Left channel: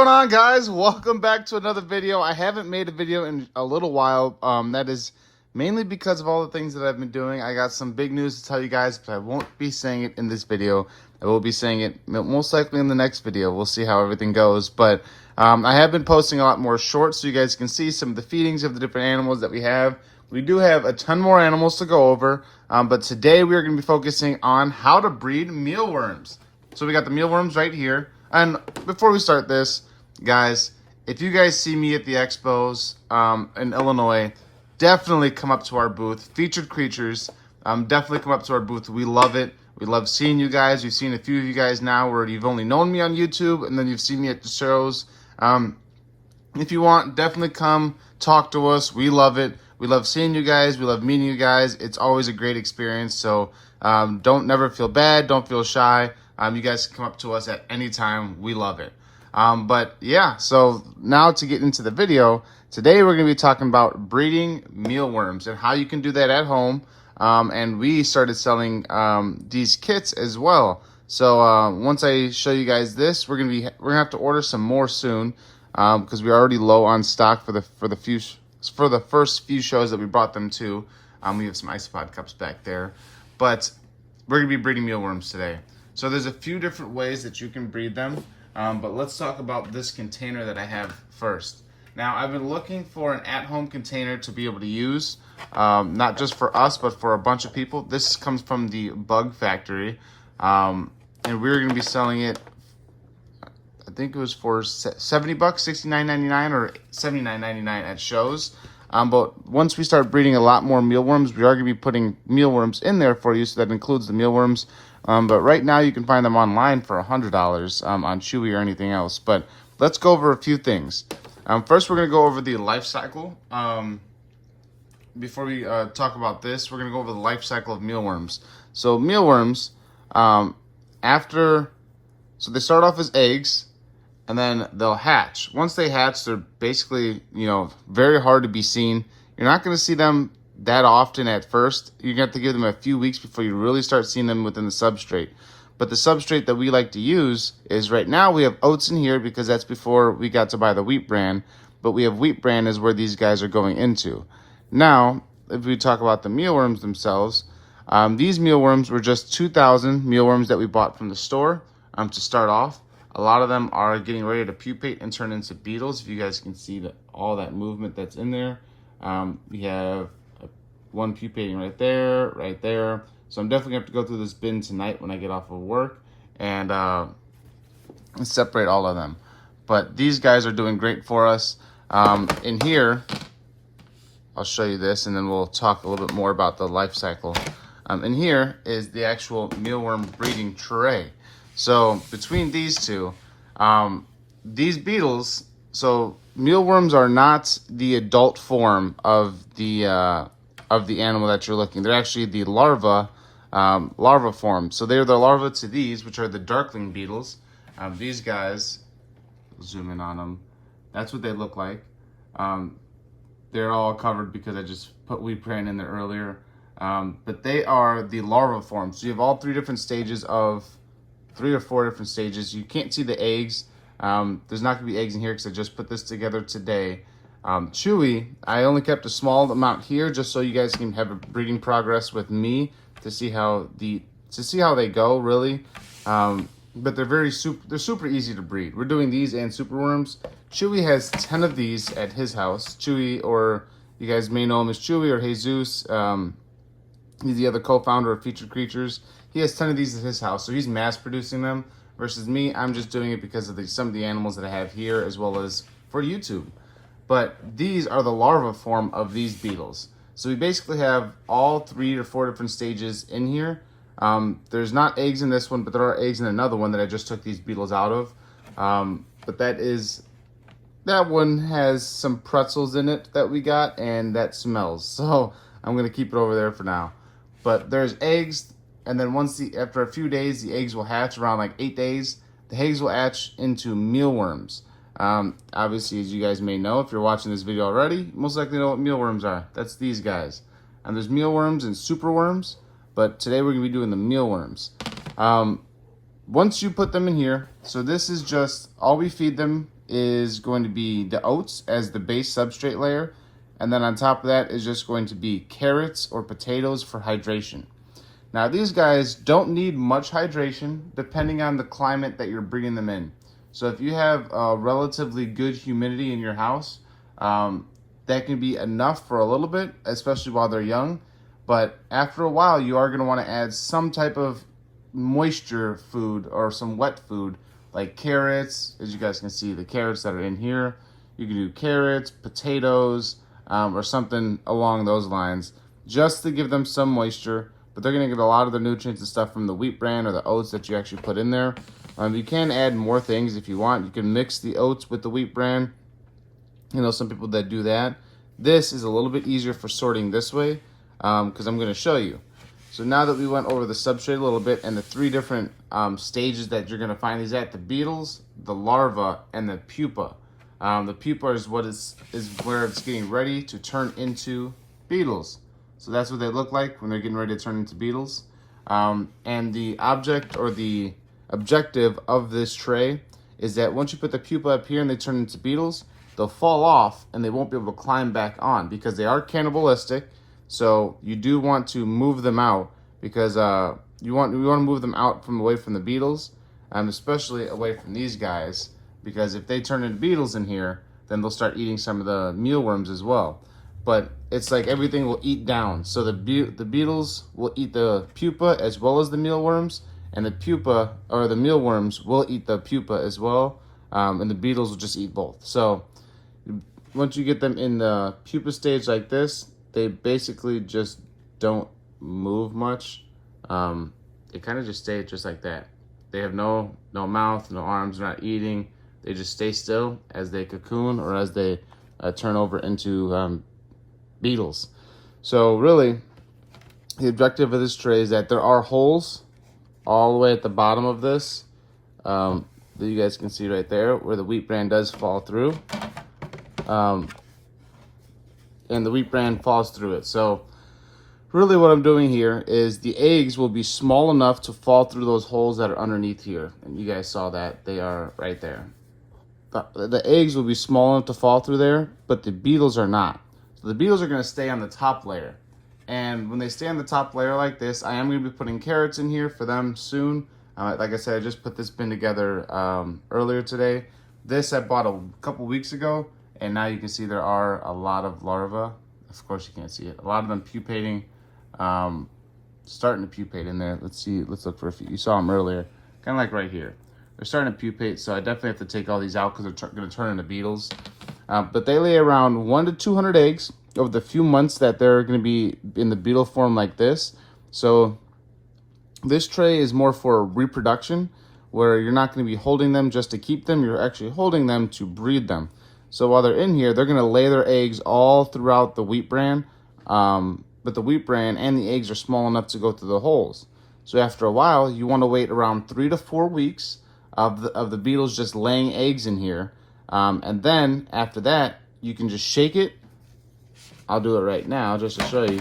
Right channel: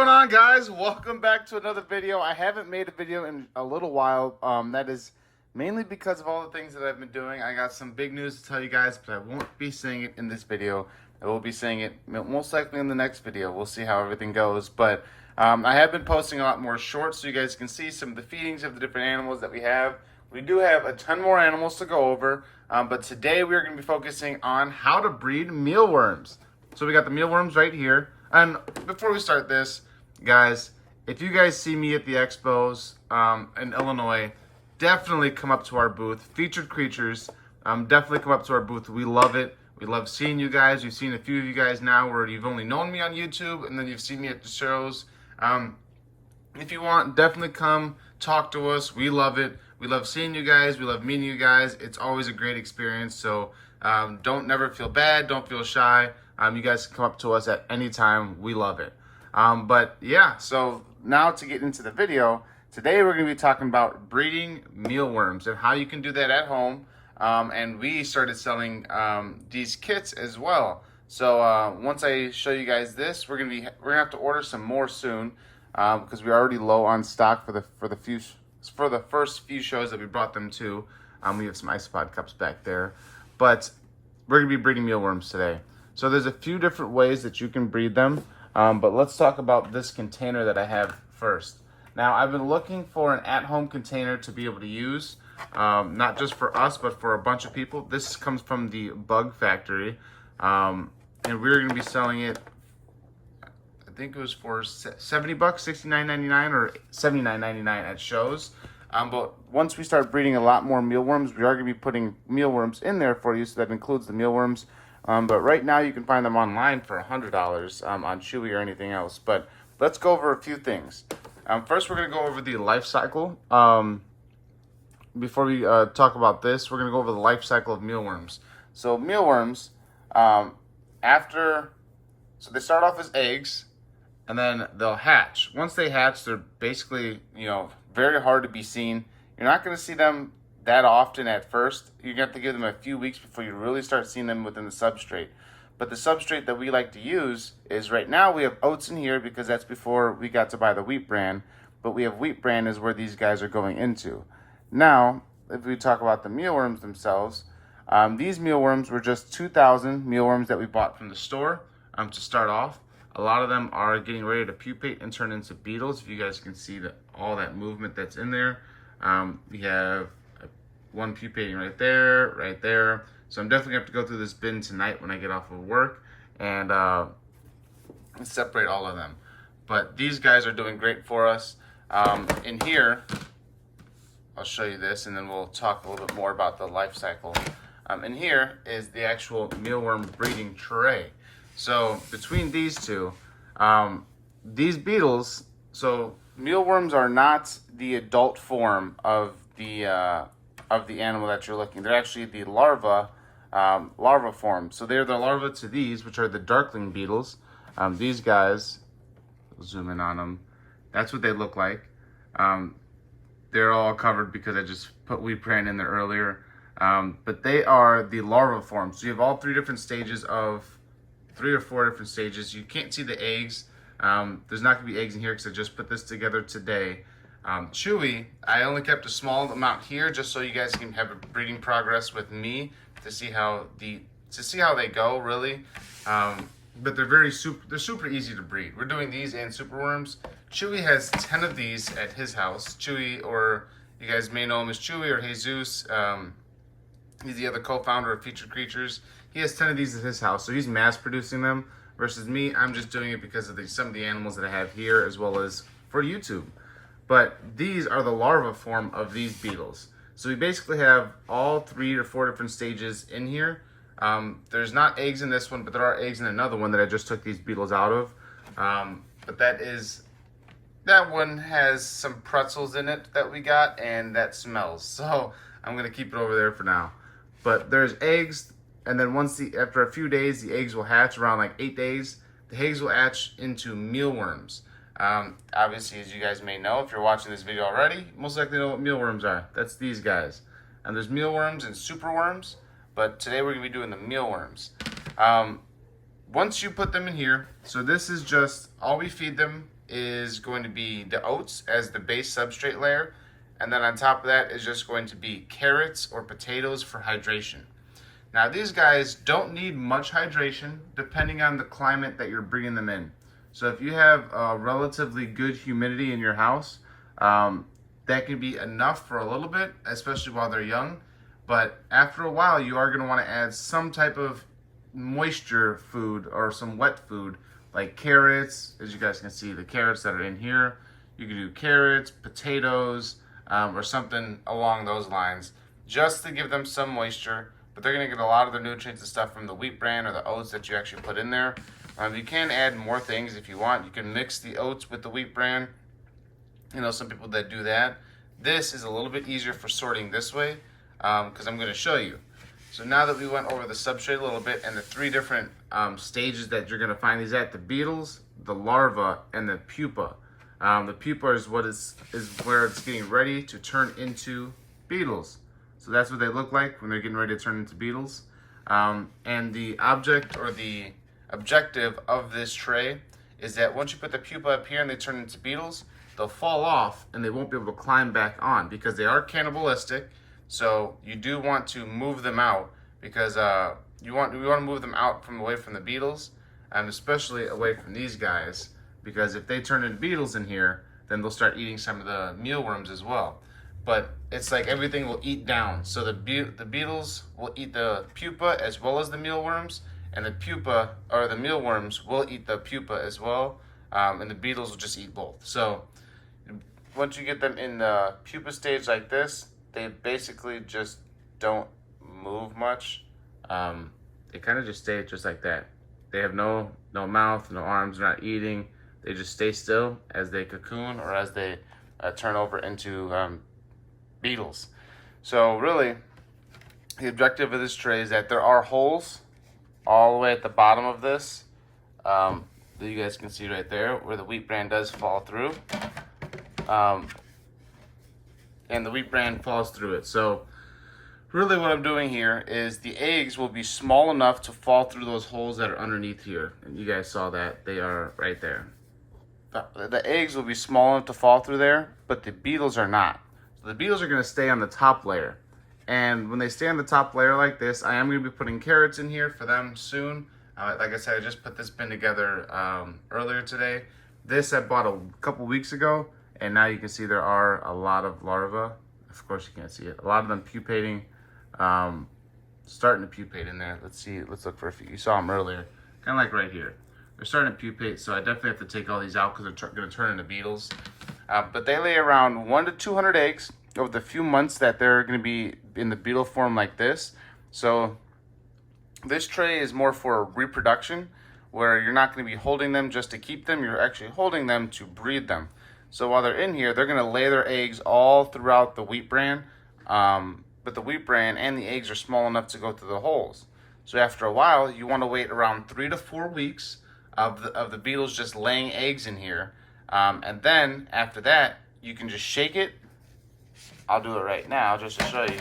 going on, guys? Welcome back to another video. I haven't made a video in a little while. That is mainly because of all the things that I've been doing. I got some big news to tell you guys, but I won't be saying it in this video. I will be saying it most likely in the next video. We'll see how everything goes. But I have been posting a lot more shorts so you guys can see some of the feedings of the different animals that we have. We do have a ton more animals to go over, but today we are going to be focusing on how to breed mealworms. So we got the mealworms right here. And before we start this, guys, if you guys see me at the expos in Illinois, definitely come up to our booth. Featured Creatures, definitely come up to our booth. We love it. We love seeing you guys. We've seen a few of you guys now where you've only known me on YouTube, and then you've seen me at the shows. If you want, definitely come talk to us. We love it. We love seeing you guys. We love meeting you guys. It's always a great experience. So don't never feel bad. Don't feel shy. You guys can come up to us at any time. We love it. But yeah, so now to get into the video, today we're going to be talking about breeding mealworms and how you can do that at home. And we started selling these kits as well. So once I show you guys this, we're gonna have to order some more soon because we're already low on stock for the first few shows that we brought them to. We have some isopod cups back there, but we're gonna be breeding mealworms today. So there's a few different ways that you can breed them, but let's talk about this container that I have first. Now, I've been looking for an at-home container to be able to use, not just for us, but for a bunch of people. This comes from the Bug Factory, and we're going to be selling it, I think it was for $70, $69.99 or $79.99 at shows. But once we start breeding a lot more mealworms, we are going to be putting mealworms in there for you, so that includes the mealworms. But right now you can find them online for $100 on Chewy or anything else. But let's go over a few things. First, we're going to go over the life cycle. Before we talk about this, we're going to go over the life cycle of mealworms. So mealworms, so they start off as eggs, and then they'll hatch. Once they hatch, they're basically, very hard to be seen. You're not going to see them that often at first. You're going to have to give them a few weeks before you really start seeing them within the substrate. But the substrate that we like to use is, right now we have oats in here because that's before we got to buy the wheat bran. But we have wheat bran is where these guys are going into. Now, if we talk about the mealworms themselves, these mealworms were just 2,000 mealworms that we bought from the store to start off. A lot of them are getting ready to pupate and turn into beetles. If you guys can see all that movement that's in there. We have one pupating right there. So I'm definitely going to have to go through this bin tonight when I get off of work and separate all of them. But these guys are doing great for us. In here, I'll show you this and then we'll talk a little bit more about the life cycle. In here is the actual mealworm breeding tray. So between these two, these beetles, so mealworms are not the adult form of the animal that you're looking. They're actually the larva form. So they're the larva to these, which are the darkling beetles. These guys, zoom in on them. That's what they look like. They're all covered because I just put wheat bran in there earlier. But they are the larva form. So you have all three or four different stages. You can't see the eggs. There's not gonna be eggs in here because I just put this together today. Chewy, I only kept a small amount here just so you guys can have a breeding progress with me to see how they go, really. But they're super easy to breed. We're doing these and superworms. Chewy has 10 of these at his house. Chewy, or you guys may know him as Chewy or Jesus. He's the other co-founder of Featured Creatures. He has 10 of these at his house, so he's mass producing them. Versus me, I'm just doing it because of some of the animals that I have here, as well as for YouTube. But these are the larva form of these beetles. So we basically have all 3 or 4 different stages in here. There's not eggs in this one, but there are eggs in another one that I just took these beetles out of. But that one has some pretzels in it that we got, and that smells. So I'm gonna keep it over there for now. But there's eggs, and then after a few days, the eggs will hatch. Around like 8 days, the eggs will hatch into mealworms. Obviously, as you guys may know, if you're watching this video already, you most likely know what mealworms are. That's these guys. And there's mealworms and superworms, but today we're gonna be doing the mealworms. once you put them in here, so this is just, all we feed them is going to be the oats as the base substrate layer. And then on top of that is just going to be carrots or potatoes for hydration. Now these guys don't need much hydration depending on the climate that you're bringing them in. So if you have relatively good humidity in your house, that can be enough for a little bit, especially while they're young. But after a while, you are going to want to add some type of moisture food or some wet food like carrots. As you guys can see, the carrots that are in here, you can do carrots, potatoes, or something along those lines, just to give them some moisture. But they're going to get a lot of the nutrients and stuff from the wheat bran or the oats that you actually put in there. You can add more things if you want. You can mix the oats with the wheat bran. You know, some people that do that. This is a little bit easier for sorting this way, because I'm going to show you. So now that we went over the substrate a little bit and the three different stages that you're going to find these at, the beetles, the larva, and the pupa. The pupa is what is where it's getting ready to turn into beetles. So that's what they look like when they're getting ready to turn into beetles. And the object or the objective of this tray is that once you put the pupa up here and they turn into beetles, they'll fall off and they won't be able to climb back on because they are cannibalistic. So you do want to move them out because we want to move them out from away from the beetles, and especially away from these guys, because if they turn into beetles in here, then they'll start eating some of the mealworms as well. But it's like everything will eat down. So the beetles will eat the pupa as well as the mealworms, and the pupa or the mealworms will eat the pupa as well, and the beetles will just eat both. So once you get them in the pupa stage like this, they basically just don't move much. They kind of just stay just like that. They have no mouth, no arms, they're not eating. They just stay still as they cocoon or as they turn over into beetles. So really, the objective of this tray is that there are holes all the way at the bottom of this that you guys can see right there where the wheat bran does fall through. And the wheat bran falls through it. So really what I'm doing here is the eggs will be small enough to fall through those holes that are underneath here. And you guys saw that, they are right there. But the eggs will be small enough to fall through there, but the beetles are not. So the beetles are gonna stay on the top layer. And when they stay on the top layer like this, I am gonna be putting carrots in here for them soon. Like I said, I just put this bin together earlier today. This I bought a couple weeks ago. And now you can see there are a lot of larvae. Of course you can't see it. A lot of them pupating, starting to pupate in there. Let's see, let's look for a few. You saw them earlier, kind of like right here. They're starting to pupate, so I definitely have to take all these out because they're gonna turn into beetles. But they lay around 100 to 200 eggs over the few months that they're gonna be in the beetle form like this. So this tray is more for reproduction, where you're not gonna be holding them just to keep them, you're actually holding them to breed them. So while they're in here, they're gonna lay their eggs all throughout the wheat bran, but the wheat bran and the eggs are small enough to go through the holes. So after a while, you wanna wait around 3 to 4 weeks of the beetles just laying eggs in here. And then after that, you can just shake it. I'll do it right now just to show you.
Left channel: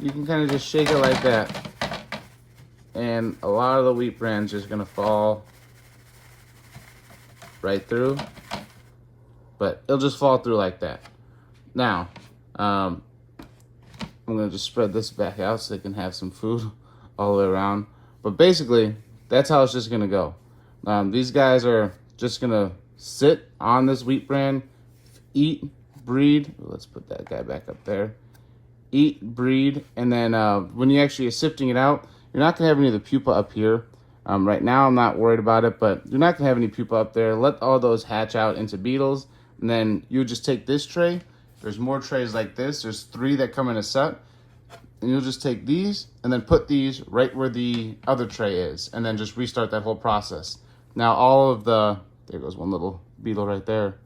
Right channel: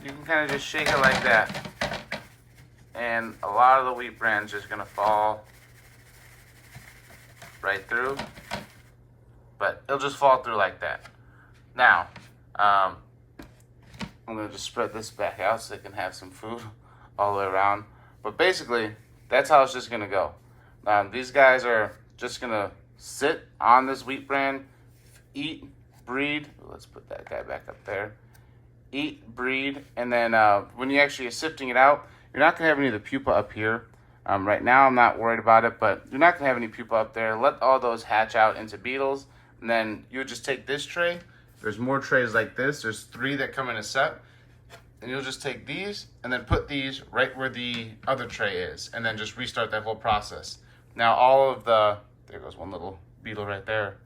You can kind of just shake it like that. And a lot of the wheat bran's just gonna fall right through. But it'll just fall through like that. Now, I'm gonna just spread this back out so they can have some food all the way around. But basically, that's how it's just gonna go. These guys are just gonna sit on this wheat bran, eat, breed. Let's put that guy back up there. Eat, breed, and then when you actually are sifting it out, you're not gonna have any of the pupa up here. Right now, I'm not worried about it, but you're not gonna have any pupa up there. Let all those hatch out into beetles. And then you just take this tray. There's more trays like this. There's 3 that come in a set. And you'll just take these and then put these right where the other tray is. And then just restart that whole process. Now all of the, there goes one little beetle right there.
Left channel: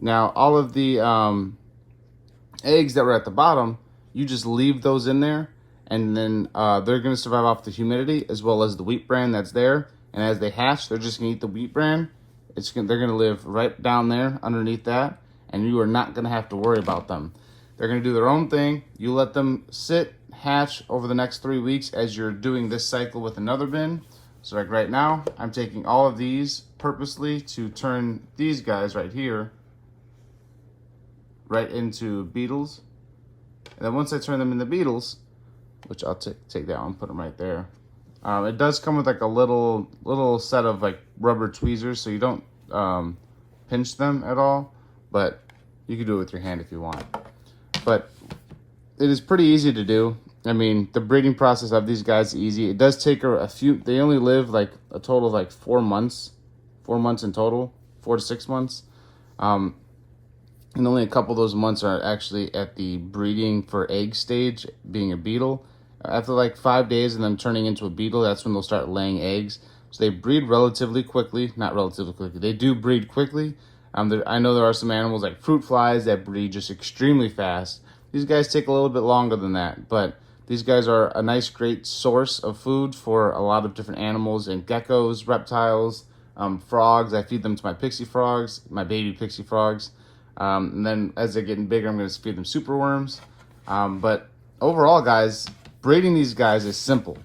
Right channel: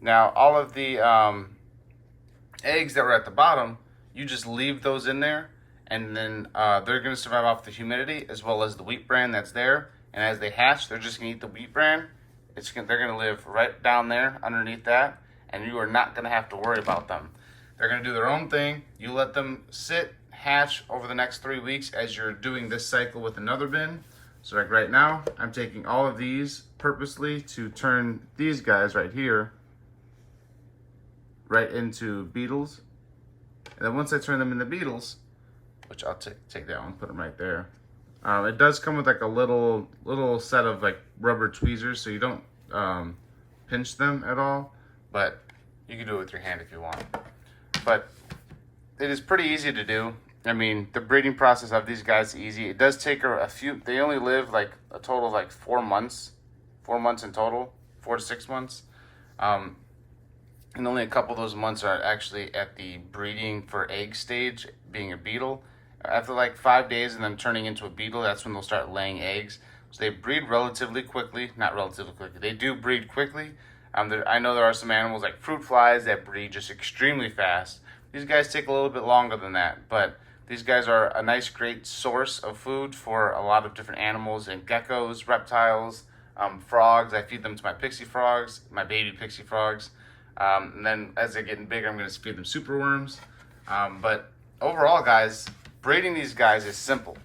Now all of the eggs that were at the bottom, you just leave those in there. And then they're gonna survive off the humidity as well as the wheat bran that's there. And as they hatch, they're just gonna eat the wheat bran. They're gonna live right down there underneath that, and you are not gonna have to worry about them. They're gonna do their own thing. You let them sit, hatch over the next 3 weeks as you're doing this cycle with another bin. So like right now, I'm taking all of these purposely to turn these guys right here right into beetles. And then once I turn them into beetles, which I'll take that one, put them right there. It does come with like a little set of like rubber tweezers, so you don't pinch them at all, but you can do it with your hand if you want. But it is pretty easy to do. I mean, the breeding process of these guys is easy. It does take a few, they only live like a total of like 4 months in total, 4 to 6 months. And only a couple of those months are actually at the breeding for egg stage, being a beetle. After like 5 days and then turning into a beetle, that's when they'll start laying eggs. So they breed relatively quickly, not relatively quickly, they do breed quickly. I know there are some animals like fruit flies that breed just extremely fast. These guys take a little bit longer than that, but these guys are a nice, great source of food for a lot of different animals and geckos, reptiles, frogs. I feed them to my pixie frogs, my baby pixie frogs. And then as they're getting bigger, I'm going to feed them super worms. But overall, guys, breeding these guys is simple.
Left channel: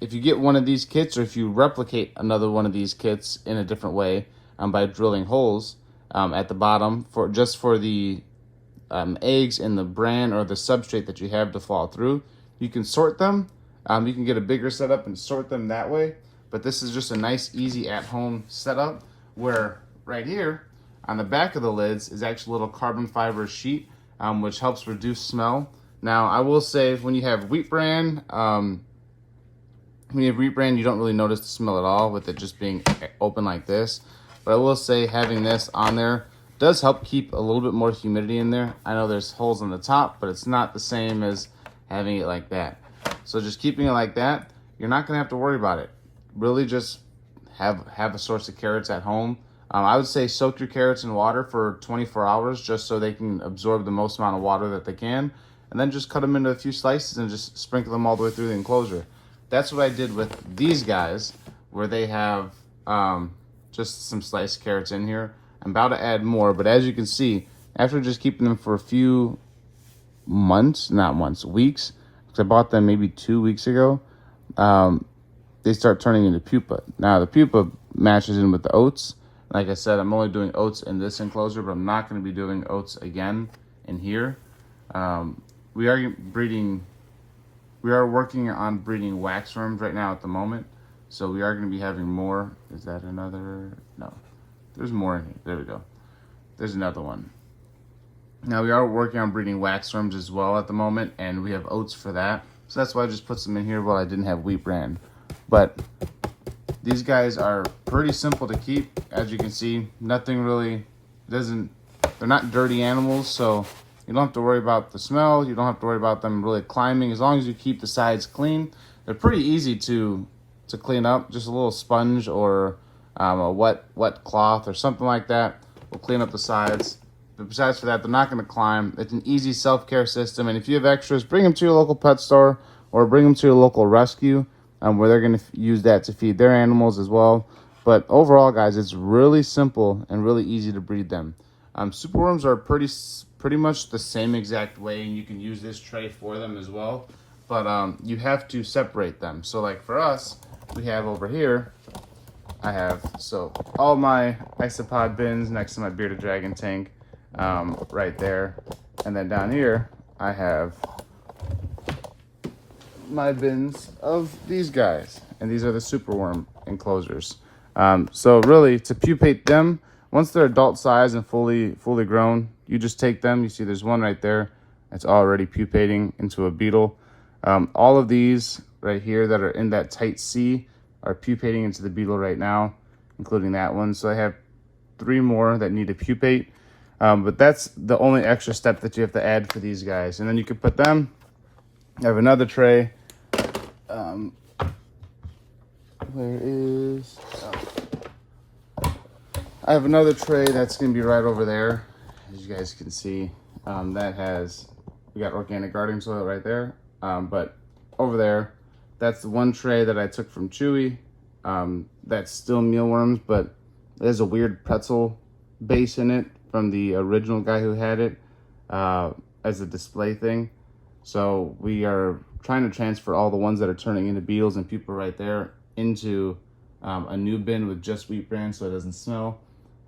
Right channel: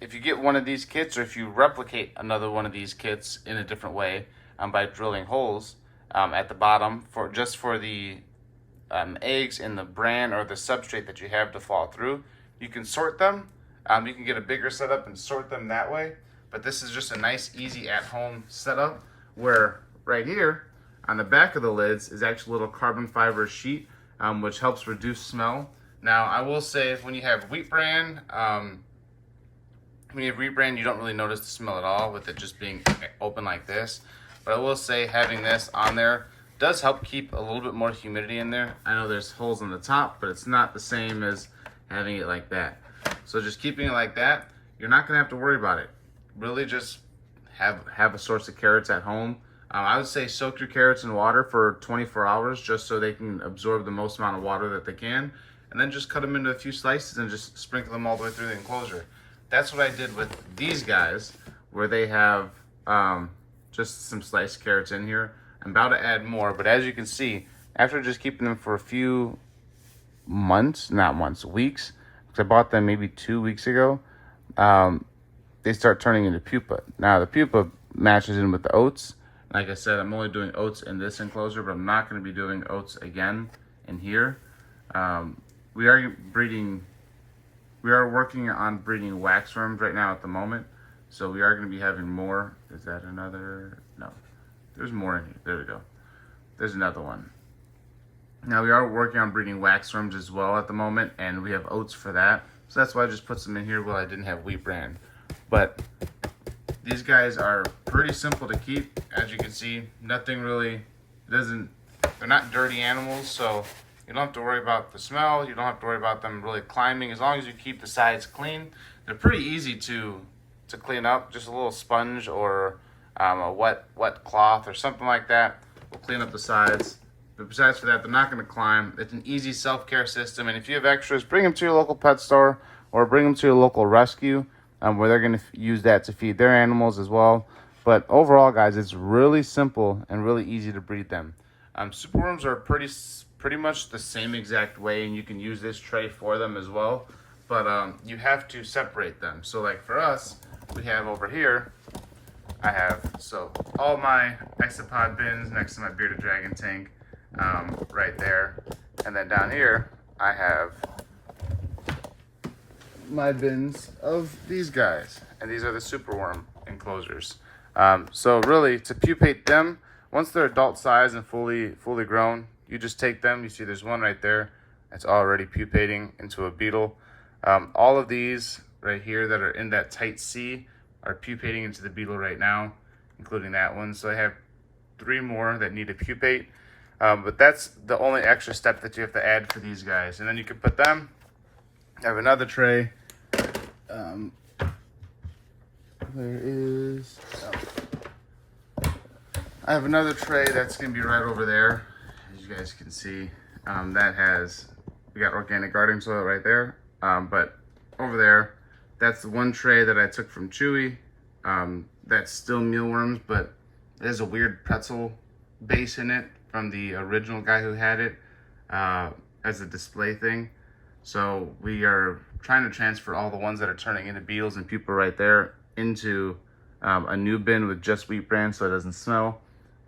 If you get one of these kits, or if you replicate another one of these kits in a different way by drilling holes at the bottom for the eggs in the bran or the substrate that you have to fall through, you can sort them. You can get a bigger setup and sort them that way. But this is just a nice, easy at-home setup where right here on the back of the lids is actually a little carbon fiber sheet, which helps reduce smell. Now, I will say when you have wheat bran, you don't really notice the smell at all with it just being open like this. But I will say having this on there does help keep a little bit more humidity in there. I know there's holes on the top, but it's not the same as having it like that. So just keeping it like that, you're not gonna have to worry about it. Really just have a source of carrots at home. I would say soak your carrots in water for 24 hours just so they can absorb the most amount of water that they can. And then just cut them into a few slices and just sprinkle them all the way through the enclosure. That's what I did with these guys, where they have just some sliced carrots in here. I'm about to add more, but as you can see, after just keeping them for a few months, not months, weeks, because I bought them maybe 2 weeks ago, they start turning into pupa. Now the pupa matches in with the oats. Like I said, I'm only doing oats in this enclosure, but I'm not going to be doing oats again in here. We are working on breeding waxworms right now at the moment, so we are going to be having more. Is that another? No, there's more in here. There we go. There's another one. Now we are working on breeding waxworms as well at the moment, and we have oats for that. So that's why I just put some in here while I didn't have wheat bran. But these guys are pretty simple to keep. As you can see, nothing really, they're not dirty animals, so you don't have to worry about the smell. You don't have to worry about them really climbing. As long as you keep the sides clean, they're pretty easy to clean up. Just a little sponge or a wet cloth or something like that will clean up the sides. But besides for that, they're not going to climb. It's an easy self-care system. And if you have extras, bring them to your local pet store or bring them to your local rescue where they're going to use that to feed their animals as well. But overall, guys, it's really simple and really easy to breed them. Superworms are pretty much the same exact way, and you can use this tray for them as well. But you have to separate them. So like for us, we have over here, I have all my isopod bins next to my bearded dragon tank right there. And then down here, I have my bins of these guys. And these are the superworm enclosures. So really, to pupate them, once they're adult size and fully grown, you just take them. You see there's one right there. It's already pupating into a beetle. All of these right here that are in that tight C are pupating into the beetle right now, including that one. So I have 3 more that need to pupate. But that's the only extra step that you have to add for these guys. And then you can put them, I have another tray. I have another tray that's gonna be right over there. As you guys can see, we got organic gardening soil right there. But over there, that's the one tray that I took from Chewy. That's still mealworms, but there's a weird pretzel base in it from the original guy who had it as a display thing. So we are trying to transfer all the ones that are turning into beetles and pupa right there into a new bin with just wheat bran so it doesn't smell.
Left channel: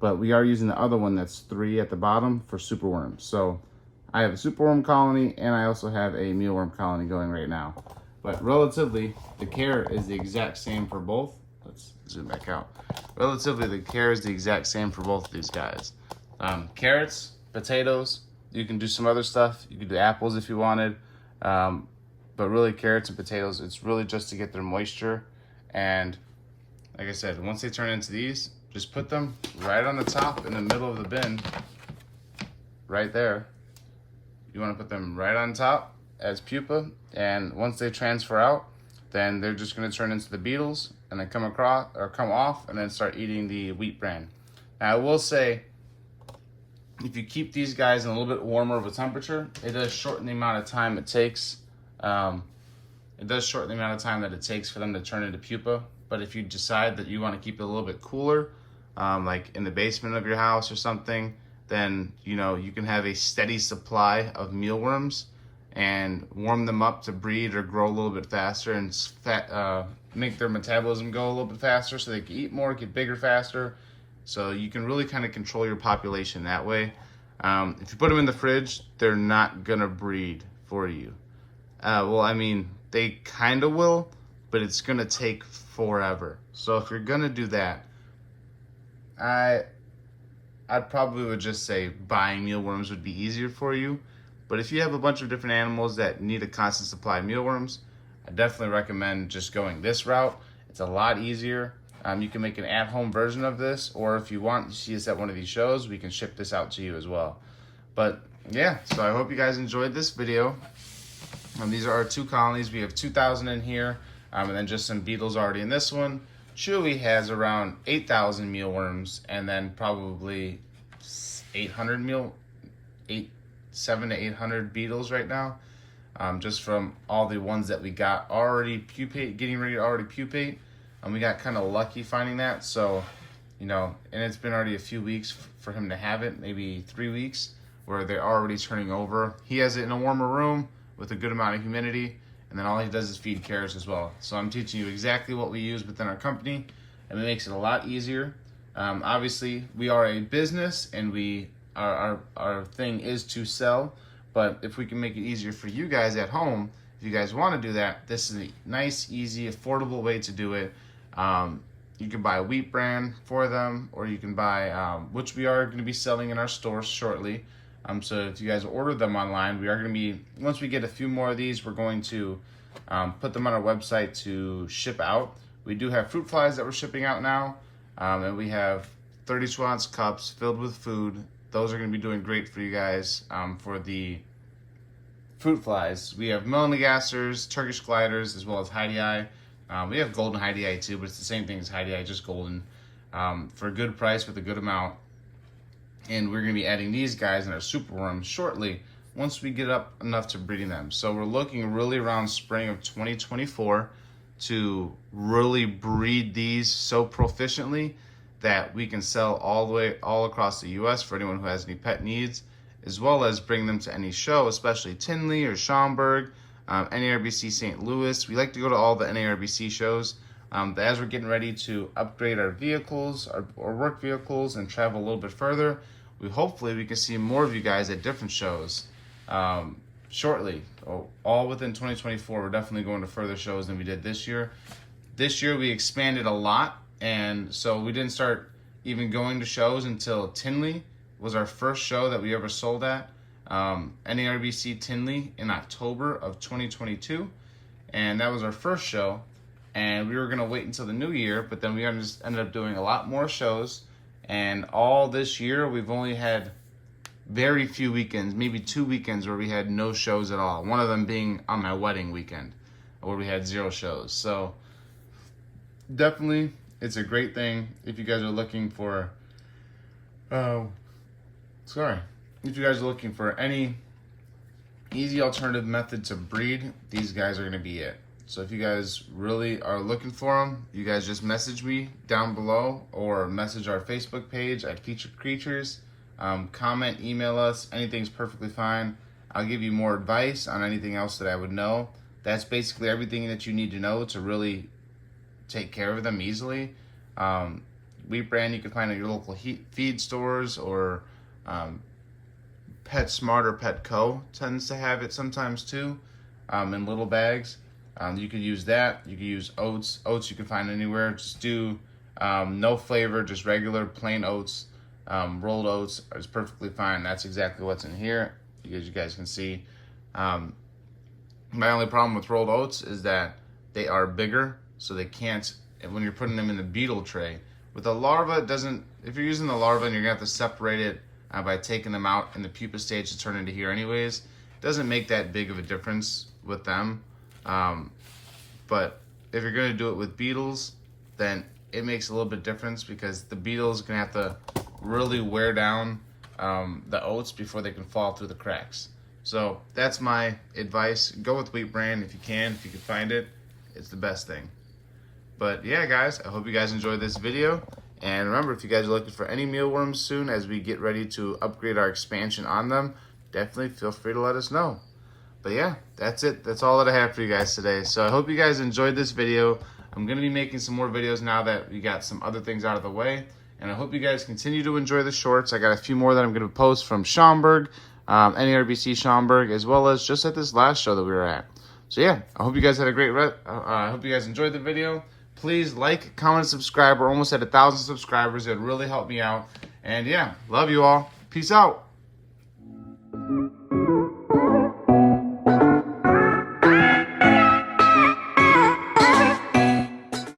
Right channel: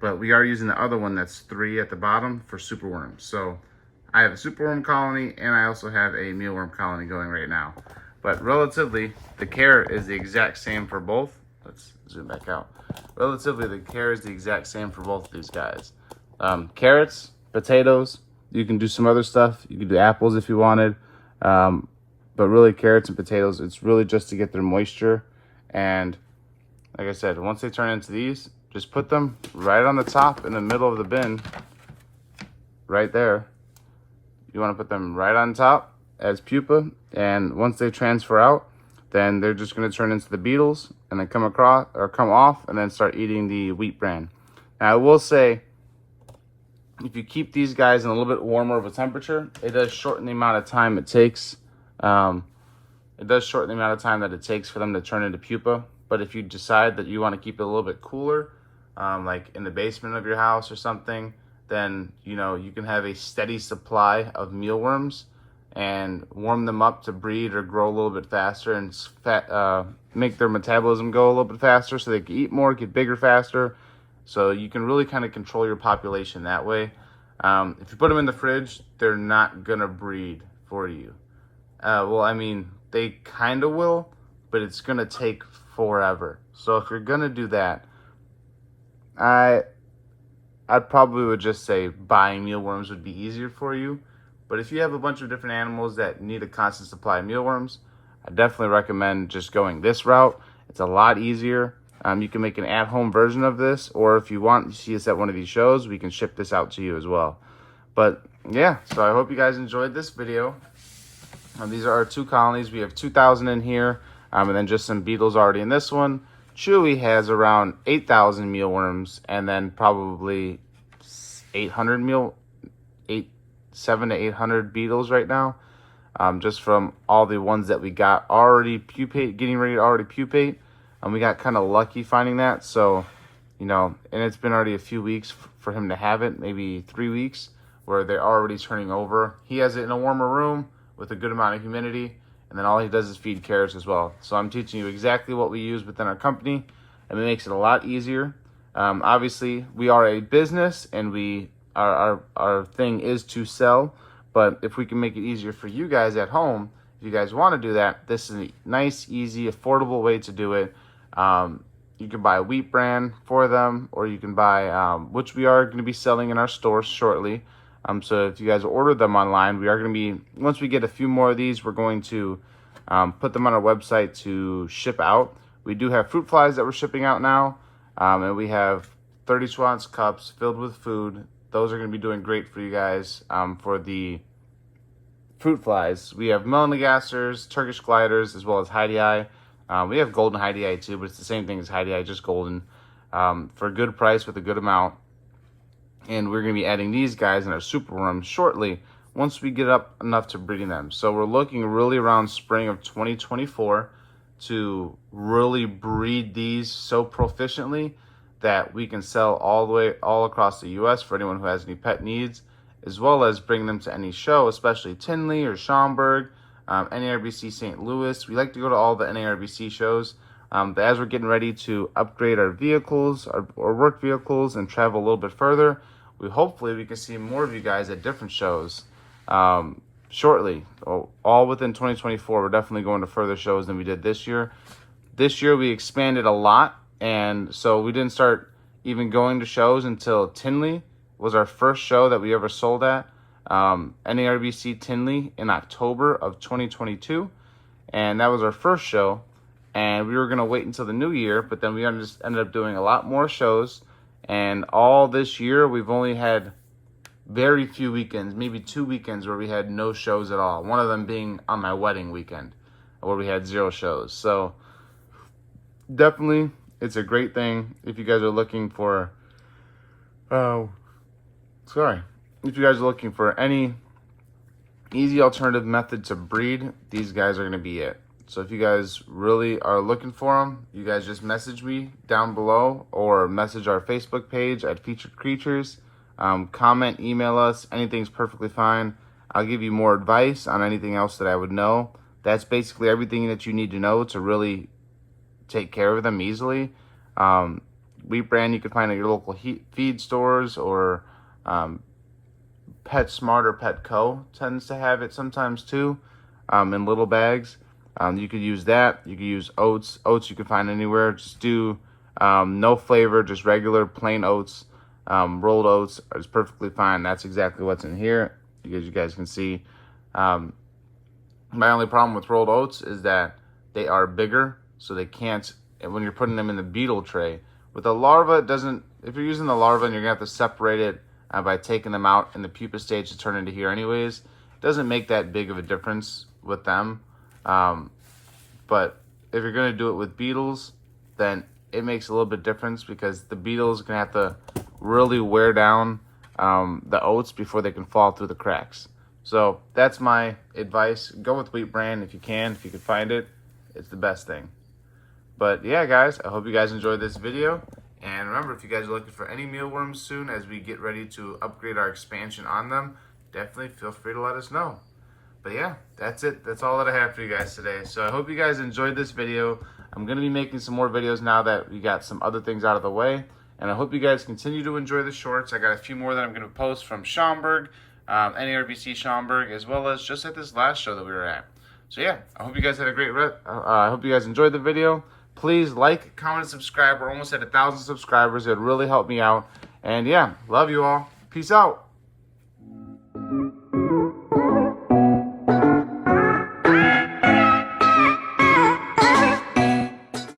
But we are using the other one that's 3 at the bottom for superworms. So I have a superworm colony and I also have a mealworm colony going right now. But relatively, the care is the exact same for both. Let's zoom back out. Relatively, the care is the exact same for both of these guys. Carrots, potatoes, you can do some other stuff. You can do apples if you wanted. But really, carrots and potatoes, it's really just to get their moisture. And like I said, once they turn into these, just put them right on the top in the middle of the bin, right there. You want to put them right on top as pupa, and once they transfer out, then they're just going to turn into the beetles and then come across or come off and then start eating the wheat bran. Now I will say, if you keep these guys in a little bit warmer of a temperature, it does shorten the amount of time it takes. It does shorten the amount of time that it takes for them to turn into pupa. But if you decide that you want to keep it a little bit cooler, like in the basement of your house or something, then you can have a steady supply of mealworms and warm them up to breed or grow a little bit faster and make their metabolism go a little bit faster so they can eat more, get bigger faster. So you can really kind of control your population that way. If you put them in the fridge, they're not gonna breed for you. Well, I mean, they kind of will, but it's gonna take forever. So if you're gonna do that, I probably would just say buying mealworms would be easier for you. But if you have a bunch of different animals that need a constant supply of mealworms, I definitely recommend just going this route. It's a lot easier. You can make an at-home version of this, or if you want to see us at one of these shows, we can ship this out to you as well. But yeah, so I hope you guys enjoyed this video. These are our 2 colonies. We have 2,000 in here, and then just some beetles already in this one. Chewy has around 8,000 mealworms, and then probably 700 to 800 beetles right now, just from all the ones that we got already getting ready to already pupate. And we got kind of lucky finding that. So, and it's been already a few weeks for him to have it, maybe 3 weeks, where they're already turning over. He has it in a warmer room with a good amount of humidity, and then all he does is feed carrots as well. So I'm teaching you exactly what we use within our company, and it makes it a lot easier. Obviously, we are a business, and our thing is to sell, but if we can make it easier for you guys at home, if you guys want to do that, this is a nice, easy, affordable way to do it. You can buy a wheat bran for them, or you can buy, which we are going to be selling in our stores shortly. So if you guys order them online, we are going to be, once we get a few more of these, we're going to put them on our website to ship out. We do have fruit flies that we're shipping out now, and we have 32-ounce cups filled with food. Those are going to be doing great for you guys for the fruit flies. We have melanogasters, Turkish gliders, as well as Heidi-Eye. We have golden Heidi-Eye too, but it's the same thing as Heidi-Eye, just golden, for a good price with a good amount. And we're going to be adding these guys in our superworms shortly once we get up enough to breeding them. So we're looking really around spring of 2024 to really breed these so proficiently that we can sell all across the U.S. for anyone who has any pet needs, as well as bring them to any show, especially Tinley or Schaumburg, NARBC St. Louis. We like to go to all the NARBC shows. But as we're getting ready to upgrade our vehicles, our work vehicles, and travel a little bit further, hopefully we can see more of you guys at different shows shortly. All within 2024, we're definitely going to further shows than we did this year. This year we expanded a lot, and so we didn't start even going to shows until Tinley was our first show that we ever sold at. NARBC Tinley in October of 2022, and that was our first show. And we were going to wait until the new year, but then we just ended up doing a lot more shows. And all this year, we've only had very few weekends, maybe 2 weekends where we had no shows at all. One of them being on my wedding weekend, where we had 0 shows. So definitely, it's a great thing if you guys are looking for, if you guys are looking for any easy alternative method to breed, these guys are going to be it. So if you guys really are looking for them, you guys just message me down below or message our Facebook page at Featured Creatures. Comment, email us, anything's perfectly fine. I'll give you more advice on anything else that I would know. That's basically everything that you need to know to really take care of them easily. Wheat Bran you can find at your local feed stores, or PetSmart or Petco tends to have it sometimes too, in little bags. You could use that. You could use oats. Oats you can find anywhere. Just do no flavor, just regular plain oats. Rolled oats is perfectly fine. That's exactly what's in here, as you guys can see. My only problem with rolled oats is that they are bigger, so they can't, when you're putting them in the beetle tray. With a larva, it doesn't, if you're using the larva and you're gonna have to separate it by taking them out in the pupa stage to turn into here anyways, it doesn't make that big of a difference with them. But if you're gonna do it with beetles, then it makes a little bit difference, because the beetles are gonna have to really wear down the oats before they can fall through the cracks. So that's my advice. Go with Wheat Bran if you can find it. It's the best thing. But yeah, guys, I hope you guys enjoyed this video. And remember, if you guys are looking for any mealworms soon as we get ready to upgrade our expansion on them, definitely feel free to let us know. But yeah, that's it. That's all that I have for you guys today. So I hope you guys enjoyed this video. I'm going to be making some more videos now that we got some other things out of the way. And I hope you guys continue to enjoy the shorts. I got a few more that I'm going to post from Schaumburg, NARBC Schaumburg, as well as just at this last show that we were at. So yeah, I hope you guys had a great I hope you guys enjoyed the video. Please like, comment, and subscribe. We're almost at 1,000 subscribers. It would really help me out. And yeah, love you all. Peace out.